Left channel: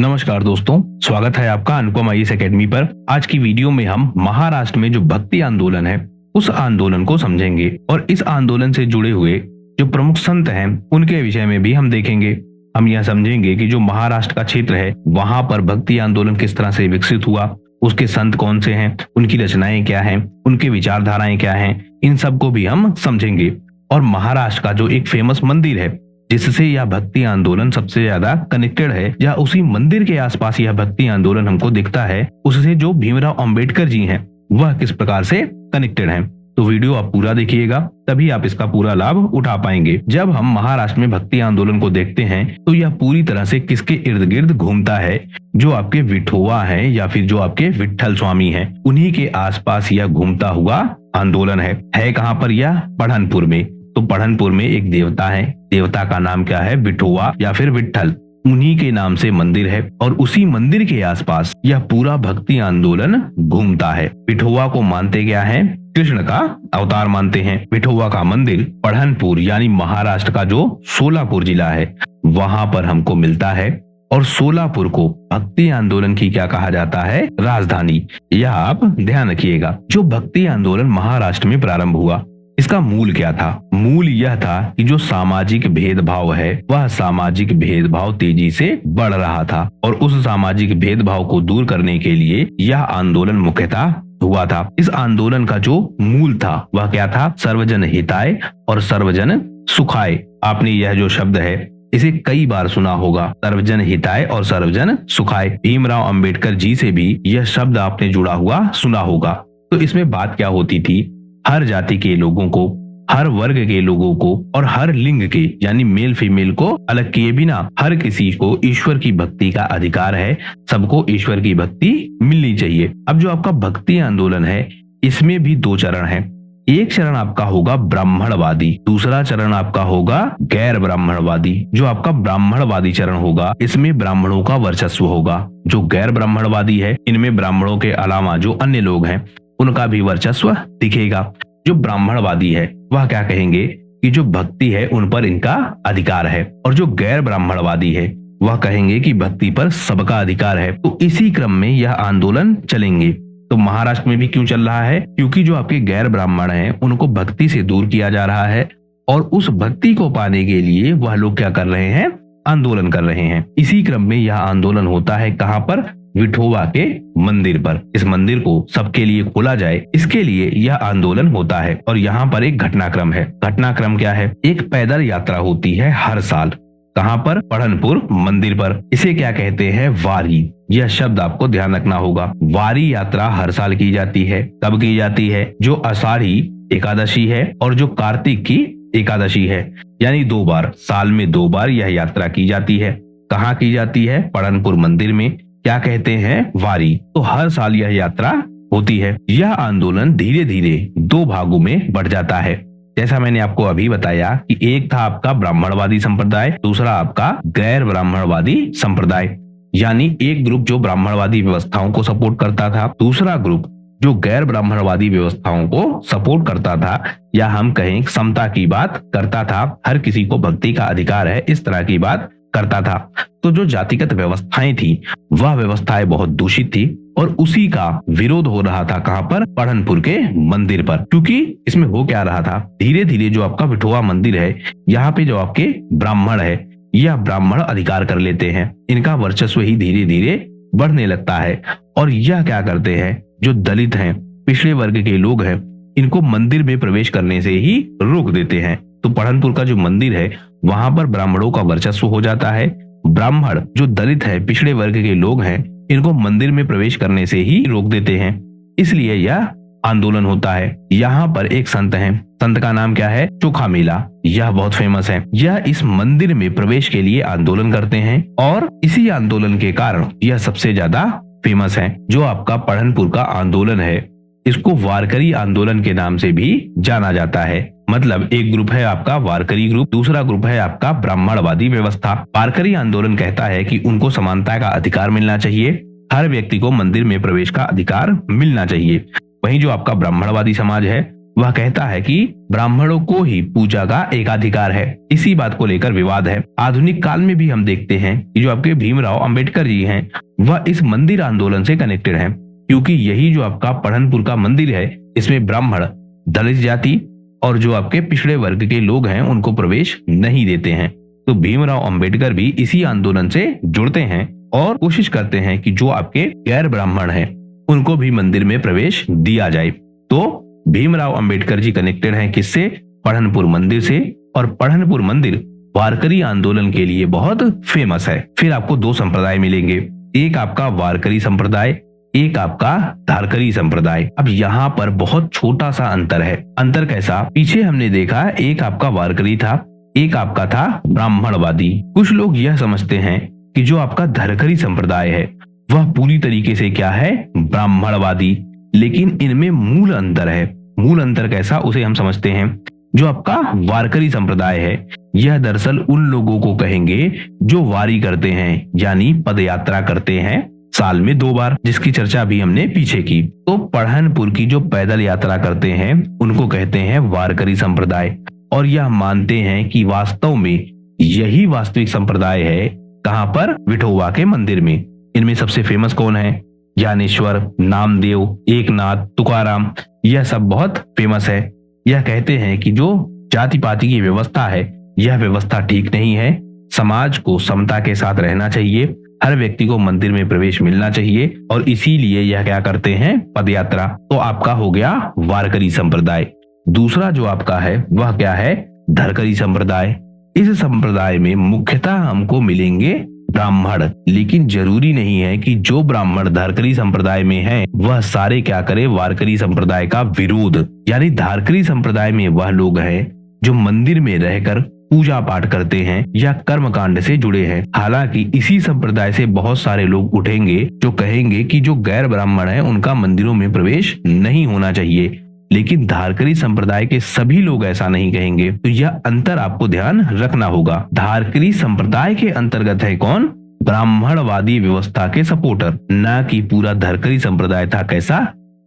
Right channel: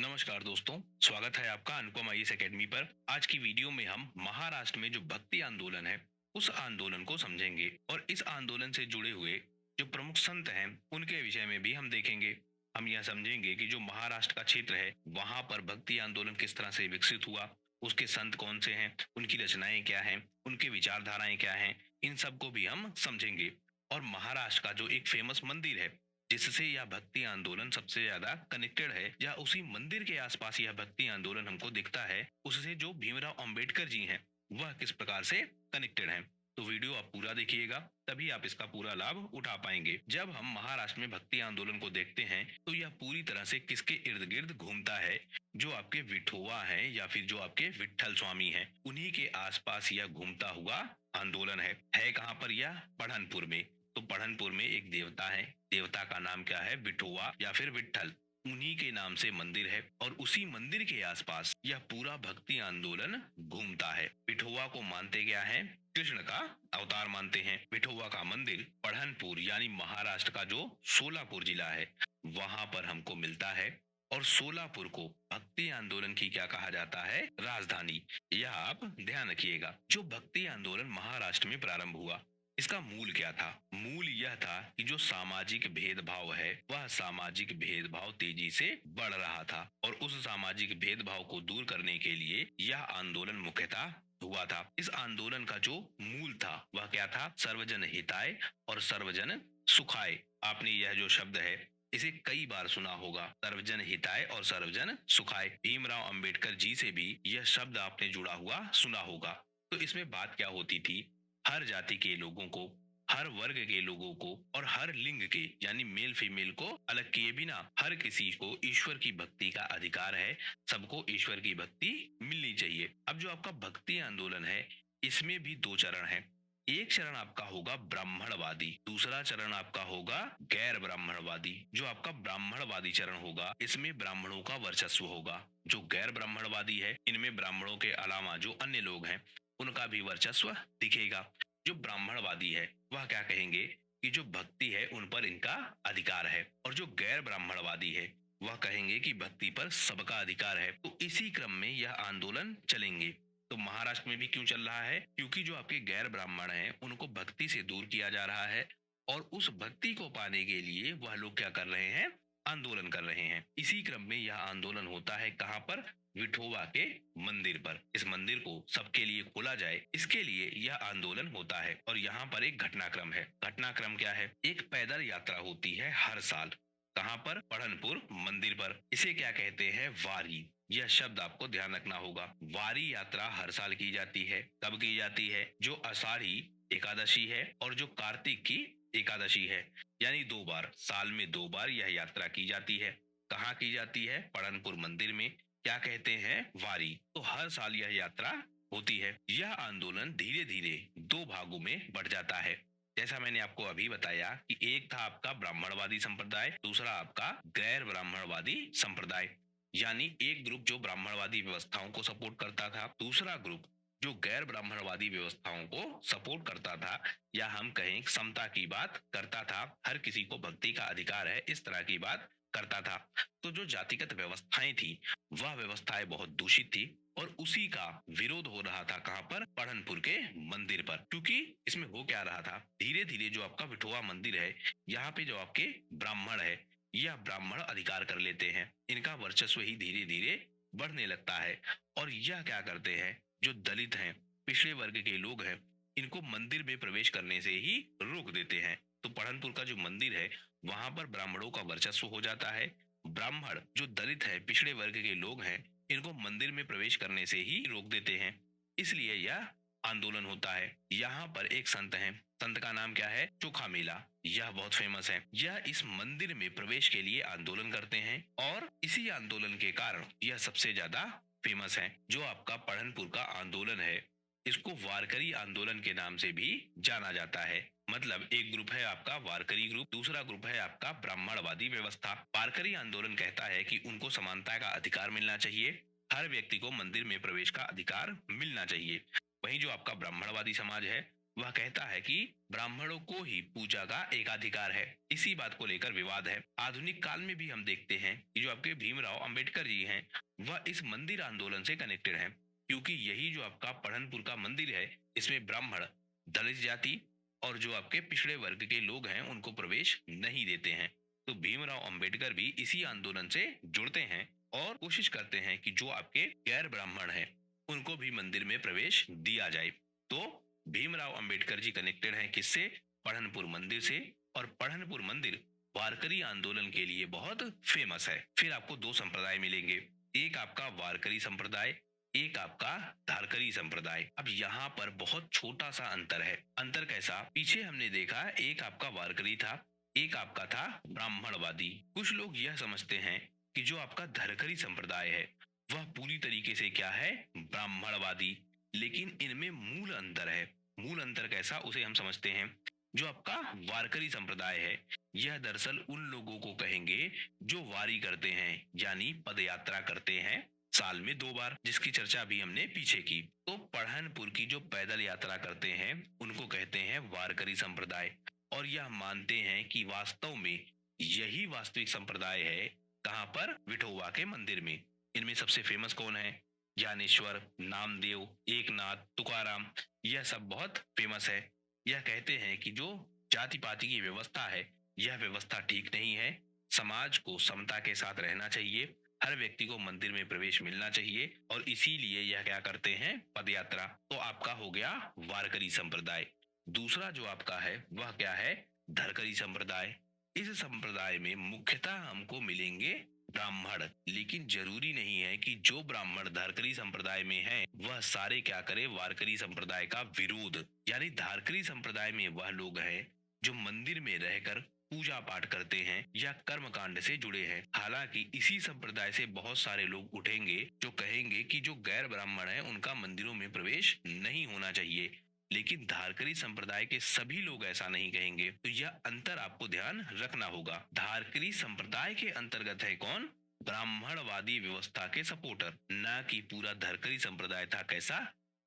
नमस्कार दोस्तों, स्वागत है आपका अनुपम आईएएस एकेडमी पर। आज की वीडियो में हम महाराष्ट्र में जो भक्ति आंदोलन है उस आंदोलन को समझेंगे और इस आंदोलन से जुड़े हुए जो प्रमुख संत हैं उनके विषय में भी हम देखेंगे। हम यह समझेंगे कि जो महाराष्ट्र का क्षेत्र है वहां पर भक्ति आंदोलन किस तरह से विकसित हुआ, उसके संत कौन से हैं, उनकी रचनाएं क्या हैं, उनके विचारधाराएं क्या हैं, इन सब को भी हम समझेंगे। और महाराष्ट्र का जो एक फेमस मंदिर है जिससे यह भक्ति आंदोलन सबसे ज्यादा कनेक्टेड है, या उसी मंदिर के आसपास यह भक्ति आंदोलन हमको दिखता है, उससे जो भीमराव अंबेडकर जी हैं वह किस प्रकार से कनेक्टेड हैं। तो वीडियो आप पूरा देखिएगा, तभी आप इसका पूरा लाभ उठा पाएंगे। जब हम महाराष्ट्र में भक्ति आंदोलन को देखते हैं तो यह पूरी तरह से किसके इर्द गिर्द घूमता है, जो आपके विठोवा है या फिर जो आपके विठल स्वामी हैं, उन्हीं के आसपास यह घूमता हुआ आंदोलन है कहाँ पर? यह पढ़नपुर में। तो पढ़नपुर में एक देवता है, देवता का नाम क्या है? विठोवा या फिर विठल। उन्हीं के नाम से मंदिर है और उसी मंदिर के आसपास यह पूरा भक्ति आंदोलन घूमता है। विठोवा को मानते क्या है? कृष्ण का अवतार मानते हैं। विठोवा का मंदिर पढ़नपुर यानी महाराष्ट्र का जो सोलापुर जिला है वहां पर हमको मिलता है। और सोलापुर को भक्ति आंदोलन की क्या कहा जाता है? राजधानी। यह आप ध्यान रखिएगा। जो भक्ति आंदोलन महाराष्ट्र में प्रारंभ हुआ, इसका मूल क्या था? मूल यह था कि जो सामाजिक भेदभाव है वह सामाजिक भेदभाव तेजी से बढ़ रहा था और उस सामाजिक भेदभाव को दूर करने के लिए यह आंदोलन मुख्यतः हुआ था। इस आंदोलन का जो मूल था वह क्या था? सर्वजन हिताय और सर्वजन सुखाय। आपने यह जो शब्द है इसे कई बार सुना होगा, सर्वजन हिताय और सर्वजन सुखाय। भीमराव अंबेडकर जी से भी यह शब्द आपने जुड़ा हुआ सुना होगा। तो इसमें बात क्या होती थी? हर जाति के लोगों को, हर वर्ग के लोगों को और हर लिंग के यानी मेल फीमेल को अलग किए बिना हर किसी को ईश्वर की भक्ति का अधिकार है। सबको ईश्वर की भक्ति मिलनी चाहिए। अब जो आपका भक्ति आंदोलन है इसमें भी दो चरण हैं। एक चरण आपका होगा ब्राह्मणवादी, दूसरा चरण आपका होगा गैर ब्राह्मणवादी। जो आपका ब्राह्मणवादी चरण होगा इसमें ब्राह्मणों का वर्चस्व होगा। जो गैर ब्राह्मणवादी है इनमें ब्राह्मणों के अलावा जो अन्य लोग हैं उनका भी वर्चस्व दिखेगा। जो ब्राह्मणवादी है वह क्या कहेंगे कि जो भक्ति है उन पर इनका अधिकार है, और जो गैर ब्राह्मणवादी है वह कहेंगे कि भक्ति पर सबका अधिकार है। तो इसी क्रम में यह आंदोलन चलेंगे। तो महाराष्ट्र में भी क्यों चल रहा है? क्योंकि जो आपके गैर ब्राह्मण हैं उनको भक्ति से दूर किया जा रहा है और उस भक्ति को पाने के लिए वह लोग क्या कर रहे हैं? आंदोलन कर रहे हैं। इसी क्रम में यह आंदोलन होता है कहाँ पर? विठोबा के मंदिर पर। इस मंदिर को सबके लिए खोला जाए, इसके लिए यह आंदोलन होता है। और यहाँ पर एक घटनाक्रम है। घटनाक्रम क्या है? एक पैदल यात्रा होती है हर साल। कहाँ पर? पढ़नपुर मंदिर पर। इसे क्या कहते हैं? वारी। यह शब्द आपको ध्यान रखना होगा। वारी यात्रा हर साल की जाती है। कब की जाती है? जो आषाढ़ी एकादशी है और जो कार्तिक की एकादशी है, यानी 2 बार, साल में 2 बार यह यात्रा की जाती है। कहाँ की जाती है? पढ़नपुर मंदिर में। क्या कहते हैं? वारी। तो हर साल यह यात्रा होती है। यह आंदोलन धीरे धीरे 2 भागों में बढ़ जाता है। जैसा मैंने आपको अभी बताया कि एक था आपका ब्राह्मणवादी संप्रदाय, दूसरा आपका गैर ब्राह्मणवादी संप्रदाय। यानी एक ग्रुप जो ब्राह्मणवादी व्यवस्थाओं को सपोर्ट करता था, दूसरा ग्रुप जो गैर ब्राह्मणवादी व्यवस्थाओं को सपोर्ट करता था, या हम कहें समता की बात करता था, हर किसी को भक्ति का अधिकार है, इस तरह की बात करता था। तो जो जातिगत व्यवस्थाएं थी वह व्यवस्थाएं बहुत दूषित थी और उसी का विरोध हो रहा था। कहां पर? पढ़नपुर के मंदिर पर। क्योंकि इसमें हो क्या रहा था? धीरे धीरे जो आपका विठोबा मंदिर है यहाँ पे जो आपके ब्राह्मण है यह ब्राह्मण अधिकार कर लेते हैं। इनका वर्चस्व ही धीरे धीरे बढ़ने लगता है और यह क्या करते हैं? जो दलित हैं, पिछड़े वर्ग के लोग हैं, इनको मंदिर में प्रवेश करने से ही रोक देते हैं। तो पढ़नपुर का जो मंदिर है वहां पर ब्राह्मणों का वर्चस्व हो जाता है। ब्राह्मण जो दलित है, पिछड़े वर्ग के लोग हैं, इनको मंदिर में प्रवेश करने से ही रोक देते हैं। इसलिए यह आंदोलन होता है। यहाँ पर एक संत है, संत का नाम क्या है? चोखा मेला। यह बहुत फेमस है। यह इस मंदिर में प्रवेश के लिए आंदोलन करते हैं और इसी आंदोलन के कारण यह सबसे ज्यादा फेमस है। जो आपका पढ़नपुर का आंदोलन है इसको वारकरी आंदोलन के नाम से भी जाना जाता है। मतलब एक ग्रुप है आपका वारकरी ग्रुप, दूसरा ग्रुप है आपका ब्राह्मणवादी व्यवस्था। वारकरी आंदोलन कहता है कि उनको समानता का अधिकार मिलना चाहिए, हर व्यक्ति को मंदिर में प्रवेश का अधिकार मिलना चाहिए। वहीं जो आपका ब्राह्मणवादी समाज है वह कहता है कि ब्राह्मणों को ही पूजा का एकाधिकार है। इसी बात को लेकर विवाद है। आधुनिक काल में भी हम देखते हैं कि जो आपके भीमराव अंबेडकर जी हैं वह इस मंदिर आंदोलन से कनेक्टेड हैं, क्योंकि यही जो आपका पढ़नपुर का मंदिर है इसमें ब्राह्मण, दलित जाति और जो आपके पिछड़े वर्ग के लोग हैं उनको प्रवेश नहीं देते हैं। तो भीमराव अंबेडकर भी इसी आंदोलन से जुड़ते हैं और कोशिश करते हैं कि जो आपके गैर ब्राह्मण हैं उनको भी मंदिर में प्रवेश दिया जाए। तो भीमराव अंबेडकर जी कनेक्टेड हैं किससे? पढ़नपुर मंदिर से। और पढ़नपुर मंदिर वारकरी आंदोलन के लिए बहुत फेमस है। फिर आपको दो संप्रदाय मिलेंगे, एक आपका वारकरी संप्रदाय, एक आपका धारकरी संप्रदाय। अब यहाँ पर बहुत छोटा सा अंतर है। अंतर कैसा? पीछे हमने देखा एक आपका वारकरी था, एक आपका था ब्राह्मणवादी। कुछ लोग यह समझते हैं कि जो आपका धारकरी संप्रदाय है वह पूरी तरीके से क्या है? ब्राह्मणवादी। लेकिन इनमें मूल अंतर है। मूल अंतर कैसा उसे हम समझते हैं। जो आपका वारकरी संप्रदाय है यह दरअसल उन लोगों को कहेंगे जो वारी करते हैं, यानी पदयात्रा करते हैं साल में 2 बार, जिसकी चर्चा भी हमने पीछे की। तो पढ़नपुर की जो पैदल यात्रा करते हैं उनको कहते हैं वारकरी संप्रदाय। और यह मानते हैं कि वास्तव में यही वास्तविक संप्रदाय है। कहां पर? विठोबा के मंदिर में। इनमें सबसे फेमस कौन है? ज्ञानेश्वर, नामदेव, एकनाथ, तुकाराम, यह सब बहुत फेमस है। यह कहते हैं कि जो जाति पाति की व्यवस्था है यह व्यवस्था ठीक नहीं है। समाज को समता के साथ रहना चाहिए, हर व्यक्ति को मंदिर में प्रवेश मिलना चाहिए और इसीलिए यह क्या करते हैं? पदयात्रा। तो आपका हो गया वारकरी संप्रदाय। दूसरा जो आपका है वह क्या है? धरकरी संप्रदाय। इस संप्रदाय में मुख्यतः हमको मिलेंगे ब्राह्मण, लेकिन जरूरी नहीं है कि जो ब्राह्मण धारकरी संप्रदाय में हैं वह सारे क्या करे? वारकरी संप्रदाय का विरोध। यानी धारकरी संप्रदाय में वह लोग हैं जो मंदिर में रहकर पूजा पाठ करते हैं या कर्मकांड से जुड़े हैं। हालांकि इसी संप्रदाय से बहुत सारे लोग उठेंगे जो कहेंगे कि जो गैर ब्राह्मण है उनका मंदिरों में प्रवेश नहीं होना चाहिए, लेकिन धारकरी संप्रदाय के सभी लोग ऐसा नहीं कहेंगे। तो यह अंतर आपको ध्यान रखना होगा। धारकरी संप्रदाय के अंतर्गत है कौन? ब्राह्मणवादी व्यवस्था के सपोर्टर, न कि पूरा धारकरी संप्रदाय था कैसा?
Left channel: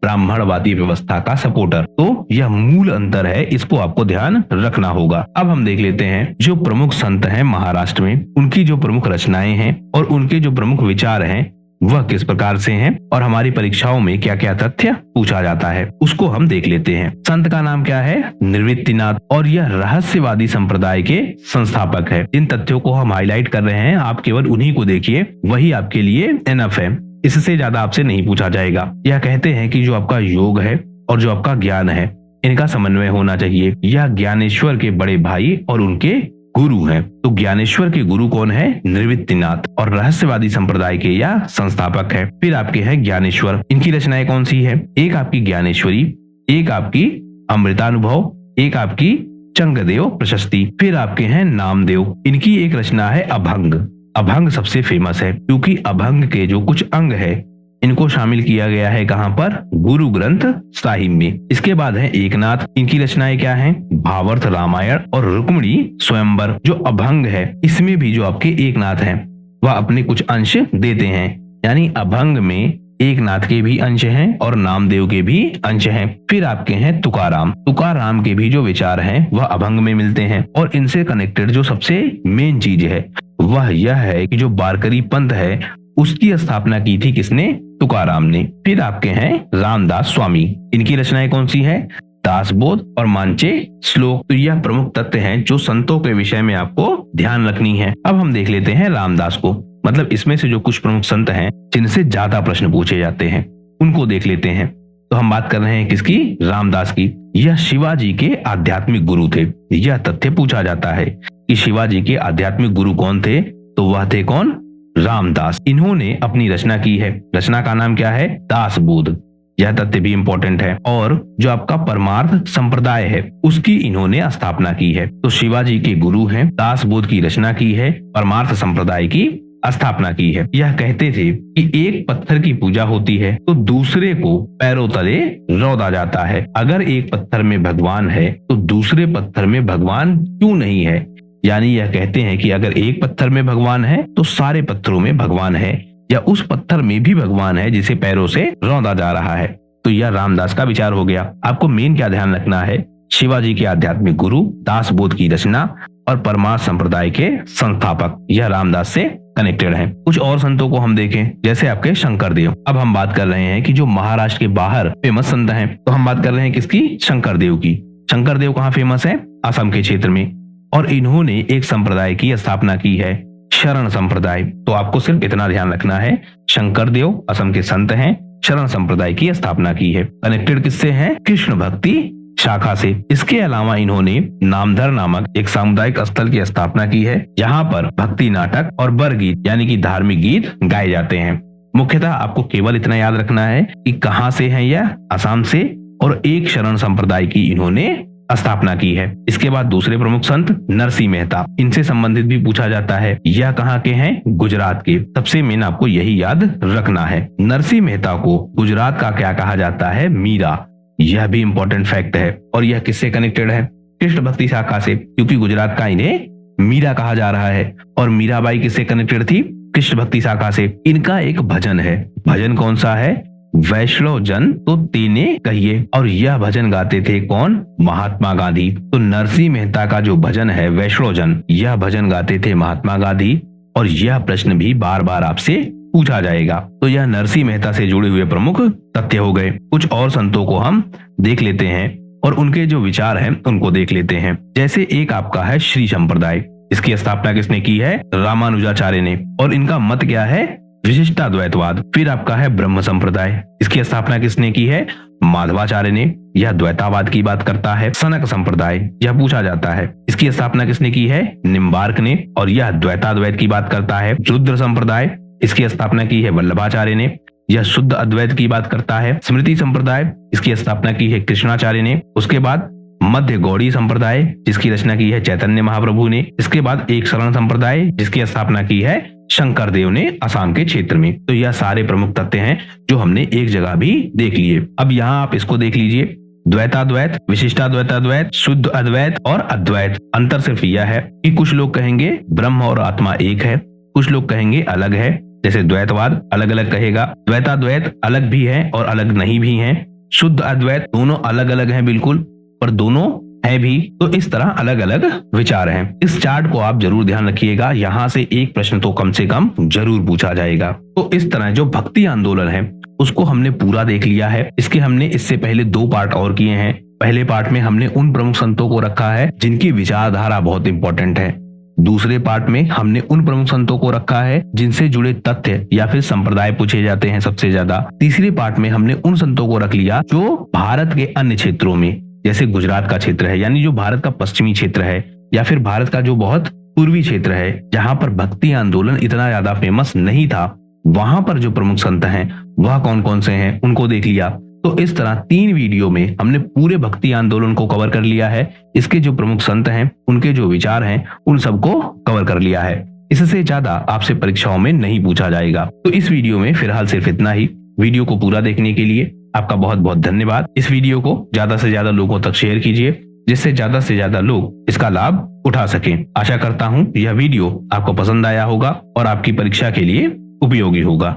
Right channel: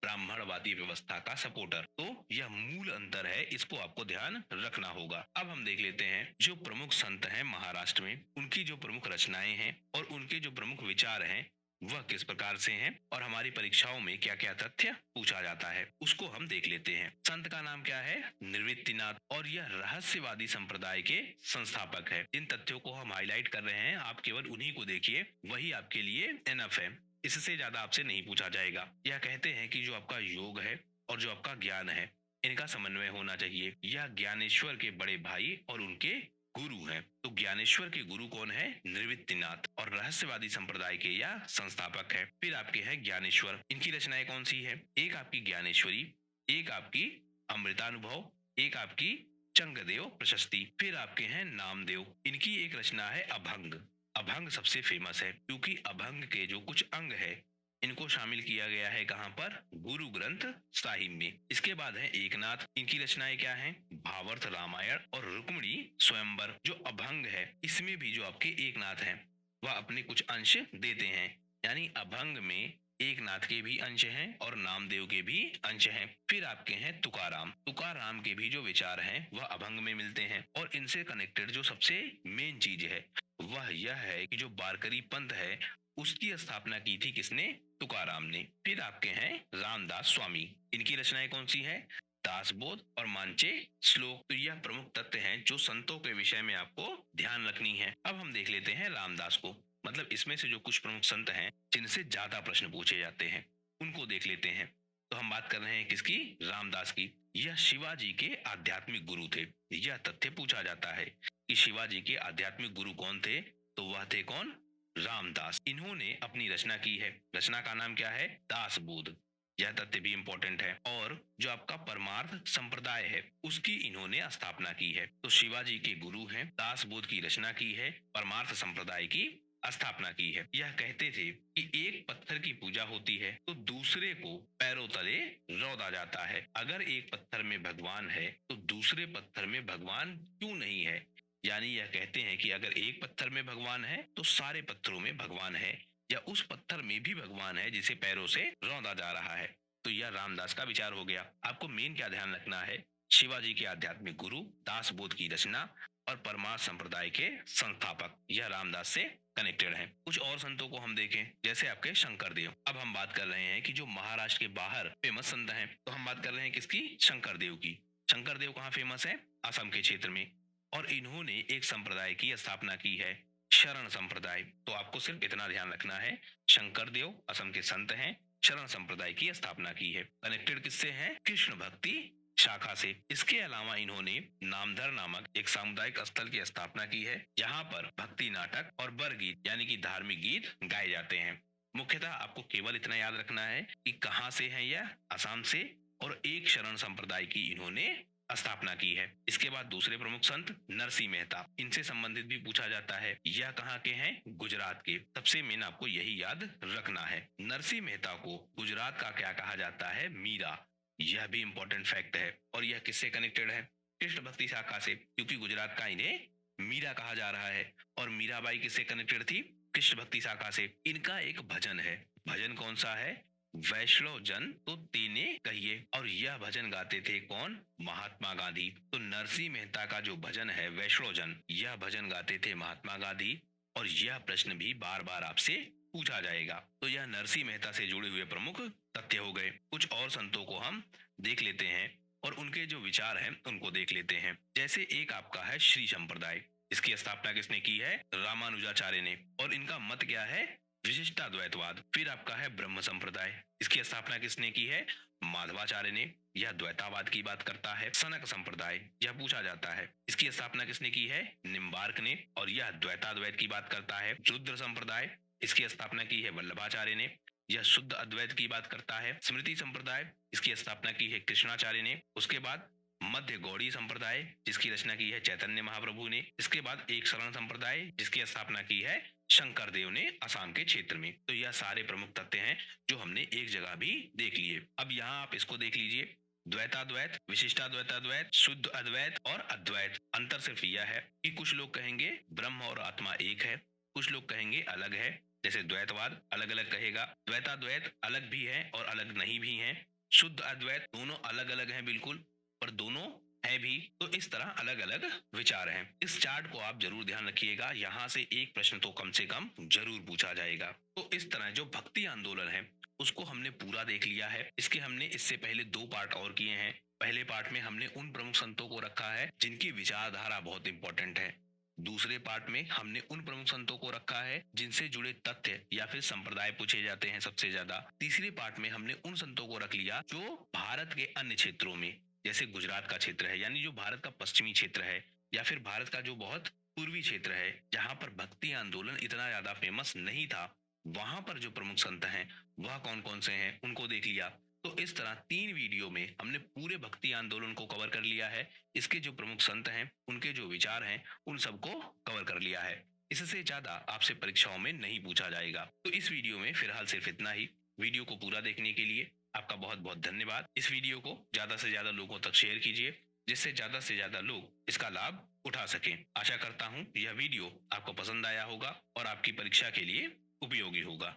ब्राह्मणवादी व्यवस्था का सपोर्टर। तो यह मूल अंतर है, इसको आपको ध्यान रखना होगा। अब हम देख लेते हैं जो प्रमुख संत हैं महाराष्ट्र में, उनकी जो प्रमुख रचनाएं हैं और उनके जो प्रमुख विचार हैं वह किस प्रकार से हैं और हमारी परीक्षाओं में क्या क्या तथ्य पूछा जाता है उसको हम देख लेते हैं। संत का नाम क्या है? निवृत्तिनाथ, और यह रहस्यवादी संप्रदाय के संस्थापक है। इन तथ्यों को हम हाईलाइट कर रहे हैं, आप केवल उन्हीं को देखिए, वही आपके लिए एनफ है। इससे ज्यादा आपसे नहीं पूछा जाएगा। यह कहते हैं कि जो आपका योग है और जो आपका ज्ञान है इनका समन्वय होना चाहिए। यह ज्ञानेश्वर के बड़े भाई और उनके गुरु हैं। तो ज्ञानेश्वर के गुरु कौन है? निवृत्तिनाथ, और रहस्यवादी संप्रदाय के यह संस्थापक है। फिर आपके हैं ज्ञानेश्वर, इनकी रचनाएं कौन सी है? एक आपकी ज्ञानेश्वरी, एक आपकी अमृतानुभव, एक आपकी चंगदेव प्रशस्ति। फिर आपके हैं नामदेव, इनकी एक रचना है अभंग। अभंग सबसे फेमस है क्योंकि अभंग के जो कुछ अंग है इनको शामिल किया गया है कहां पर? गुरु ग्रंथ साहिब में। इसके बाद है एकनाथ, इनकी रचनाएं क्या हैं? भावार्थ रामायण और रुक्मिणी स्वयंवर। जो अभंग है इसमें भी जो आपके एकनाथ हैं वह अपने कुछ अंश देते हैं, यानी अभंग में एकनाथ के भी अंश हैं और नामदेव के भी अंश हैं। फिर आपके हैं तुकाराम, तुकाराम के भी जो विचार हैं वह अभंग में मिलते हैं। और इनसे कनेक्टेड जो सबसे मेन चीज है वह यह है कि जो वारकरी पंथ है उसकी स्थापना की थी किसने? तुकाराम ने। फिर आपके हैं रामदास स्वामी, इनकी रचनाएं कौन सी है? दासबोध और मांचे श्लोक। तो यह प्रमुख तत्व हैं जो संतों के विषय में आपको ध्यान रखनी है। अब हम देख लेते हैं रामदास को, मतलब इसमें से जो कुछ प्रमुख संत हैं जिनसे ज्यादा प्रश्न पूछे जाते हैं उनको देख लेते हैं। तो हम बात कर रहे हैं किसकी? रामदास की। यह शिवाजी के आध्यात्मिक गुरु थे। यह तथ्य पूछा जाता है कि शिवाजी के आध्यात्मिक गुरु कौन थे? तो वह थे कौन? रामदास। इन्होंने अपनी रचना की है, रचना का नाम क्या है? दासबोध। यह तथ्य भी इंपॉर्टेंट है। और जो आपका परमार्थ संप्रदाय है उसकी इन्होंने स्थापना की है। तो शिवाजी के गुरु हैं, दासबोध की रचना की है, परमार्थ संप्रदाय की स्थापना की है। यह कहते थे कि एक पत्थर की पूजा होती है तो दूसरे को पैरों तले रौंदा जाता है। अगर एक पत्थर में भगवान है तो दूसरे पत्थर में भगवान क्यों नहीं है? यानी यह कहते हैं कि अगर एक पत्थर में भगवान है तो सारे पत्थरों में भगवान है, या उस पत्थर में भी भगवान है जिसे पैरों से रौंदा जा रहा है। तो यह रामदास का विचार हो गया। आपको मेन क्या ध्यान रखना है, शिवाजी के आध्यात्मिक गुरु, दासबोध की रचना और परमार्थ संप्रदाय के संस्थापक, यह रामदास से कनेक्टेड है। कुछ और संतों को हम देखें, जैसे आपके शंकरदेव। अब हम बात कर रहे हैं कि जो महाराष्ट्र के बाहर फेमस संत हैं, तो हम बात कर रहे हैं किसकी, शंकरदेव की। शंकरदेव कहाँ फेमस है, असम के क्षेत्र में, और इन्होंने एक संप्रदाय की स्थापना की है, शरण संप्रदाय। तो आपको सिर्फ इतना ध्यान रखना है, शंकरदेव असम के संत हैं, शरण संप्रदाय की स्थापना की है। कनेक्टेड किससे हैं, कृष्ण भक्ति शाखा से। इसके अलावा इन्होंने नामधर नामक एक सामुदायिक स्थल की स्थापना की है, जहां पर भक्ति नाटक और बरगीत यानी कि धार्मिक गीत गाए जाते हैं। मुख्यतः आपको केवल इतना याद रखना है कि कहां से हैं यह, असम से, और एक शरण संप्रदाय की इन्होंने स्थापना की है। इसके बाद दूसरे प्रमुख संत नरसिंह मेहता, इनसे संबंधित भी पूछा जाता है। यह कहाँ के हैं, गुजरात के। सबसे मेन आपको यही याद रखना है। नरसिंह मेहता को गुजरात का क्या कहा जाता है, मीरा। यह भी इंपॉर्टेंट फैक्ट है। और यह किससे कनेक्टेड है, कृष्ण भक्ति शाखा से, क्योंकि गुजरात का इन्हें मीरा कहा जा रहा है। और मीराबाई किससे कनेक्टेड थी, कृष्ण भक्ति शाखा से। इनका एक भजन है, भजन कौन सा है, वैष्णव जन तो तेने कहिए, और यह भजन गाते थे कौन, महात्मा गांधी। तो नरसिंह मेहता का जो भजन है वैष्णव जन, यह भजन गाते थे महात्मा गांधी। और यह प्रश्न भी बार बार आपसे पूछा जाएगा। तो यह नरसिंह मेहता से जुड़े हुए प्रमुख तथ्य हो गए। कुछ और संतों को हम देख लेते हैं और उनके जो विचार हैं उनको देख लेते हैं। जैसे एक आपका है श्री संप्रदाय, इसकी स्थापना किसने की है, रामानुजाचार्य ने, और इनका मत क्या है, विशिष्टाद्वैतवाद। फिर आपका है ब्रह्म संप्रदाय, इसकी स्थापना किसने की है, माधवाचार्य ने, यह द्वैतावाद की बात करता है। सनक संप्रदाय, यह पूछा जाता है, इसकी स्थापना किसने की है, निम्बार्क ने, और यह द्वैताद्वैत की बात करता है। रुद्र संप्रदाय, इसकी स्थापना की है वल्लभाचार्य ने, यह शुद्ध अद्वैत की बात करता है। स्मृति संप्रदाय, इसकी स्थापना की है कृष्णाचार्य ने। उसके बाद मध्य गौड़ी संप्रदाय, जिसकी रचना की है चैतन्य महाप्रभु ने। इसके बाद एक शरण संप्रदाय, जिसकी स्थापना की है शंकरदेव ने असम के क्षेत्र में। तो यह सारे प्रमुख तथ्य हैं जो हमने एक जगह भी देख लिए। अब यहाँ आप इसको देख लीजिए, द्वैताद्वैत, विशिष्टाद्वैताद्वैत, शुद्ध अद्वैत और अद्वैत। अंतर सिर्फ यह है कि कुछ लोग कहेंगे ब्रह्म और आत्मा एक है, कुछ लोग कहेंगे अलग है। जैसे द्वैतवाद अलग अलग कहेगा, द्वैताद्वैत अलग भी है और अलग नहीं भी है, शुद्ध अद्वैत दोनों अलग अलग हैं बिल्कुल, पर दोनों है भी। तो इस तरह अलग अलग विचार हैं। इस चार्ट को आप जरूर ध्यान रखिएगा, यहाँ से एक प्रश्न तो कम से कम जरूर पूछा जाएगा। तो इस तरह जो भक्ति आंदोलन है उसको हमने पूरा देख लिया है। इसके हमने इससे पहले 2 पार्ट और किए हैं। पहले पार्ट में हमने उन प्रमुख संतों को रखा है जिनकी विचारधारा बहुत इंपॉर्टेंट है। दूसरे पार्ट में हमने उन प्रमुख संतों को रखा है जिनसे जुड़े तथ्य या फिर संप्रदाय पूछे जाते हैं सबसे ज्यादा। तीसरे पार्ट में हमने उन संतों को रख लिया जो भारत के अन्य क्षेत्रों में, जैसे गुजरात का क्षेत्र है, यानी जो भारत का पश्चिमी क्षेत्र है, या फिर भारत का जो बहुत पूर्वी क्षेत्र है जहां पर भक्ति आंदोलन इतना ज्यादा फेमस नहीं था, वहां पर जो प्रमुख संत हैं वह कौन कौन से हैं उनको देख लिया। तो इस तरह 3 वीडियो में हमने पूरे भक्ति आंदोलन को कवर कर लिया है। इसके जो प्रमुख संत हैं, उनके जो विचार हैं, उन सबको कवर कर लिया है। इससे ज्यादा आपसे परीक्षाओं में नहीं पूछा जाएगा। तो इस वीडियो में फिलहाल सिर्फ इतना ही। वीडियो को पूरा देखने के लिए आपका बहुत बहुत धन्यवाद। इस वीडियो को ज्यादा से ज्यादा लोगों तक शेयर कीजिए, जिससे ज्यादा से ज्यादा लोग इसका लाभ उठा सकें। आशा करता हूँ यह वीडियो आपको पसंद आया होगा और आपकी परीक्षा के लिए उपयोगी होगा।